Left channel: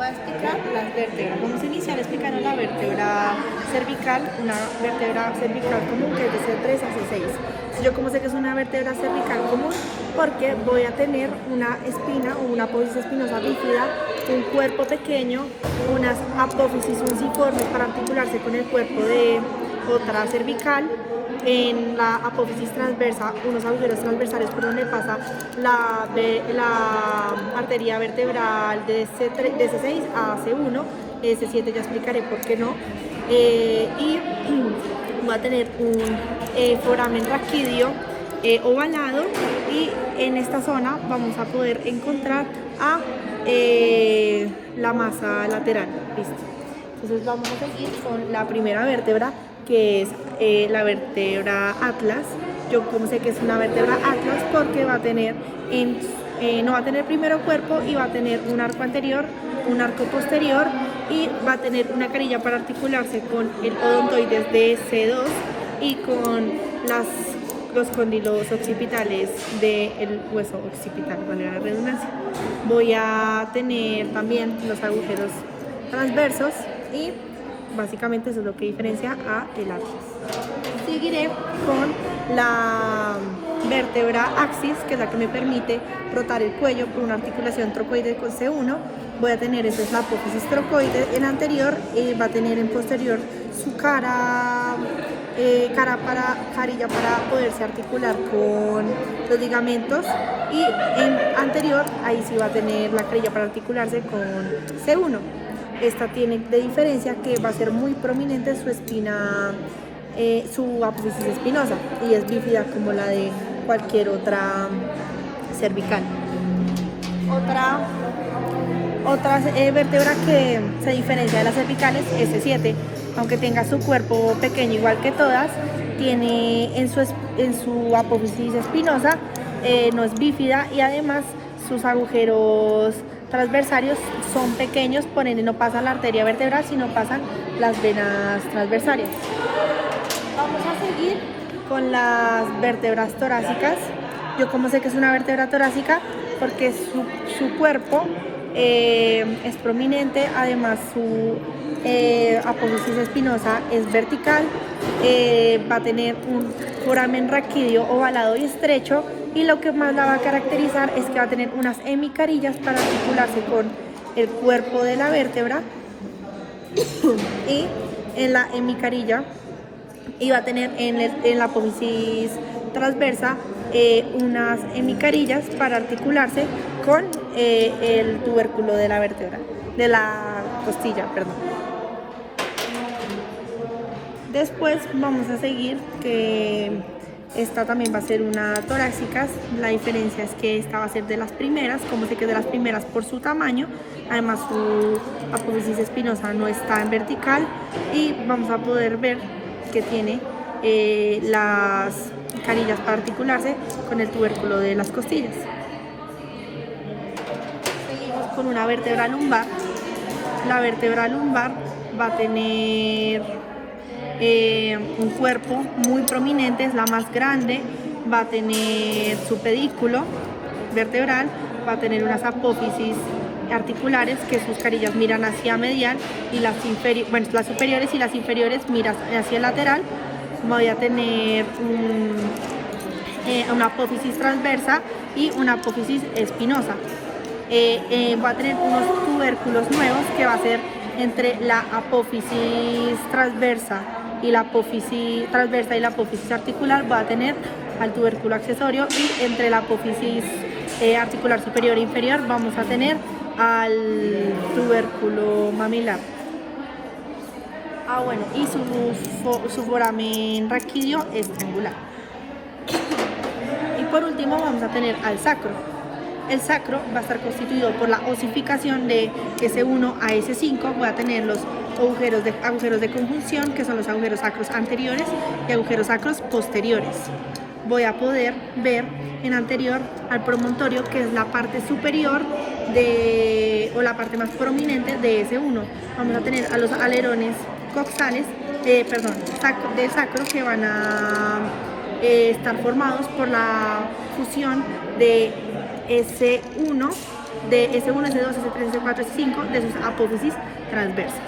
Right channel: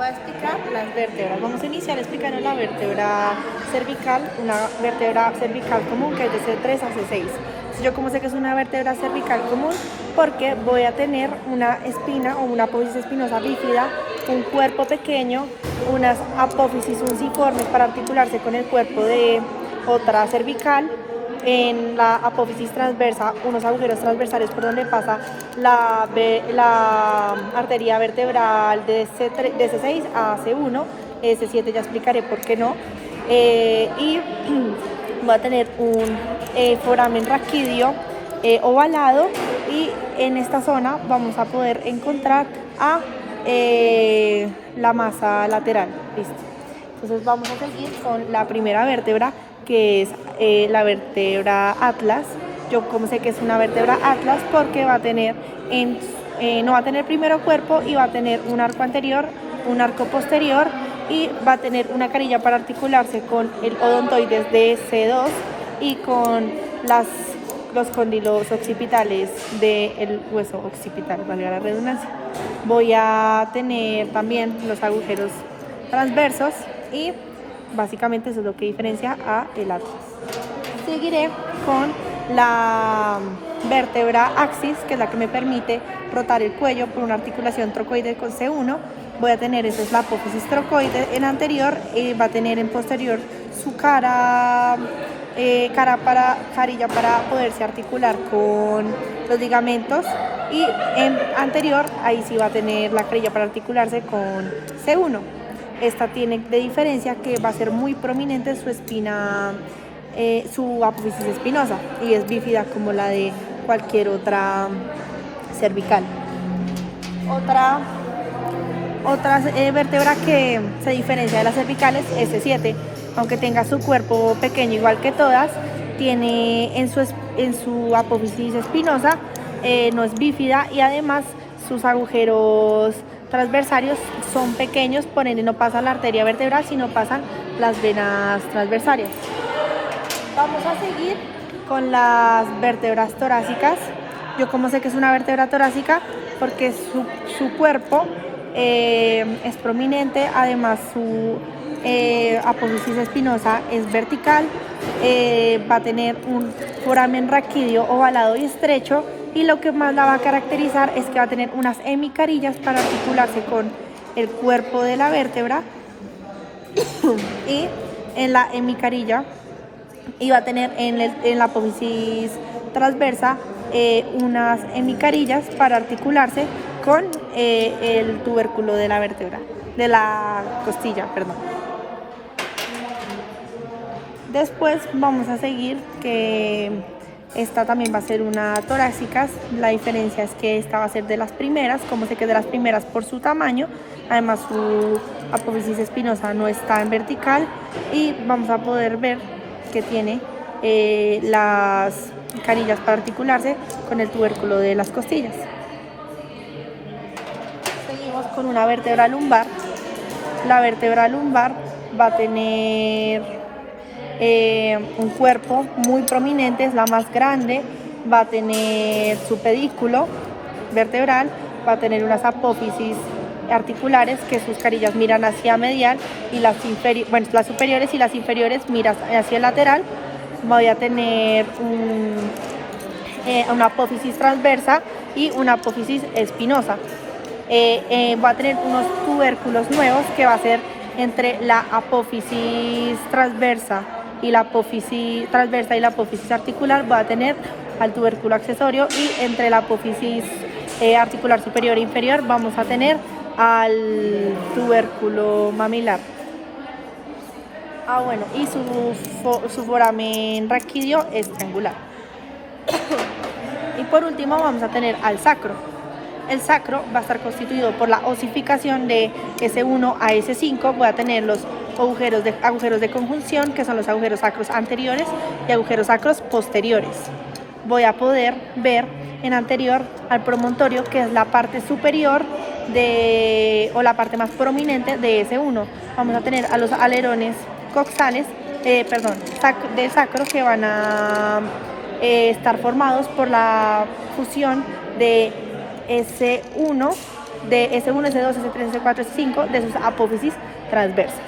voy a explicar las vértebras. Vamos a iniciar explicando la vértebra cervical, una vértebra cervical común que es de C3 a C6. Yo como sé que es una vértebra cervical común porque voy a tener una espina o una apófisis espinosa bífida, un cuerpo pequeño, unas apófisis unciformes para articularse con el cuerpo de otra cervical. En la apófisis transversa, unos agujeros transversales por donde pasa la arteria vertebral de C6 a C1, C7 ya explicaré por qué no, y voy a tener un foramen raquídeo ovalado, y en esta zona vamos a poder encontrar a la masa lateral. ¿Listo? Entonces vamos a seguir con la primera vértebra, que es la vértebra atlas. Yo como sé que es una vértebra atlas porque va a tener no va a tener primero cuerpo y va a tener un arco anterior, un arco posterior, y va a tener una carilla para articularse con el odontoides de C2 y con los cóndilos occipitales del hueso occipital, valga la redundancia. Voy a tener también los agujeros transversos y básicamente eso es lo que diferencia a el atlas. Seguiré con la vértebra axis, que es la que me permite rotar el cuello por una articulación trocoide con C1. Voy a tener, esa es la apófisis trocoide en anterior, va a tener en posterior su carilla para poderse articular con los ligamentos, y en anterior ahí sí va a tener la carilla para articularse con C1. Esta tiene de diferencia que va a ser muy prominente su espina, su apófisis espinosa, y es bífida como la de cualquier otra cervical. Otra vértebra que se diferencia de las cervicales es C7, aunque tenga su cuerpo pequeño igual que todas, tiene en su apófisis espinosa, no es bífida, y además sus agujeros transversarios son pequeños, por ende no pasa la arteria vertebral, sino pasan las venas transversarias. Vamos a seguir con las vértebras torácicas. Yo como sé que es una vértebra torácica porque su cuerpo es prominente, además su apófisis espinosa es vertical, va a tener un foramen raquídeo ovalado y estrecho, y lo que más la va a caracterizar es que va a tener unas hemicarillas para articularse con el cuerpo de la vértebra, y en la hemicarilla, y va a tener en la apófisis transversa unas hemicarillas para articularse con el tubérculo de la vértebra, de la costilla, perdón. Después vamos a seguir que esta también va a ser una torácica. La diferencia es que esta va a ser de las primeras, como sé que es de las primeras por su tamaño, además su apófisis espinosa no está en vertical, y vamos a poder ver que tiene las carillas para articularse con el tubérculo de las costillas. Seguimos con una vértebra lumbar. La vértebra lumbar va a tener un cuerpo muy prominente, es la más grande, va a tener su pedículo vertebral, va a tener unas apófisis articulares que sus carillas miran hacia medial, y las superiores y las inferiores miran hacia el lateral. Voy a tener una apófisis transversa y una apófisis espinosa. Va a tener unos tubérculos nuevos que va a ser entre la apófisis transversa y la apófisis articular. Va a tener al tubérculo accesorio, y entre la apófisis articular superior e inferior vamos a tener al tubérculo mamilar. Bueno, y su foramen raquídeo es triangular. Y por último vamos a tener al sacro. El sacro va a estar constituido por la osificación de S1 a S5. Voy a tener los agujeros de conjunción, que son los agujeros sacros anteriores y agujeros sacros posteriores. Voy a poder ver en anterior al promontorio, que es la parte superior o la parte más prominente de S1. Vamos a tener a los alerones coxales, de sacro, que van a estar formados por la fusión de S1 de S1, S2, S3, S4, S5 de sus apófisis transversas.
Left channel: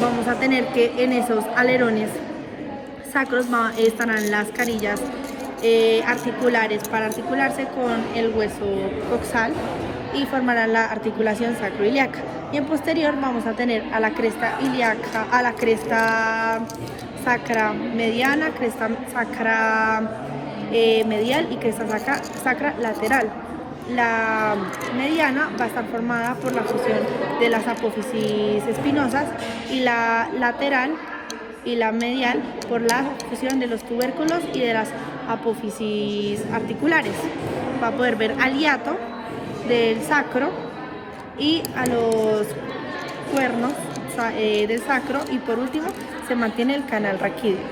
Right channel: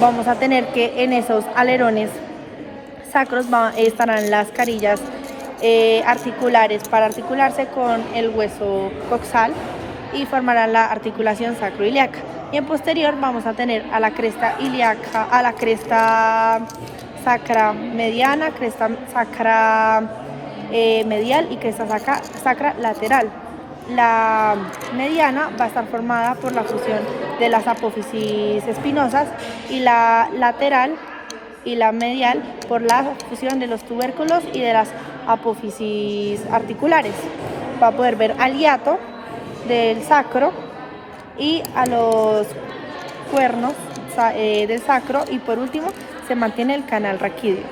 Vamos a tener que en esos alerones sacros estarán las carillas articulares para articularse con el hueso coxal y formarán la articulación sacroiliaca. Y en posterior vamos a tener a la cresta ilíaca, a la cresta sacra mediana, cresta sacra medial y cresta sacra lateral. La mediana va a estar formada por la fusión de las apófisis espinosas y la lateral y la medial por la fusión de los tubérculos y de las apófisis articulares. Va a poder ver al hiato del sacro y a los cuernos del sacro, y por último se mantiene el canal raquídeo.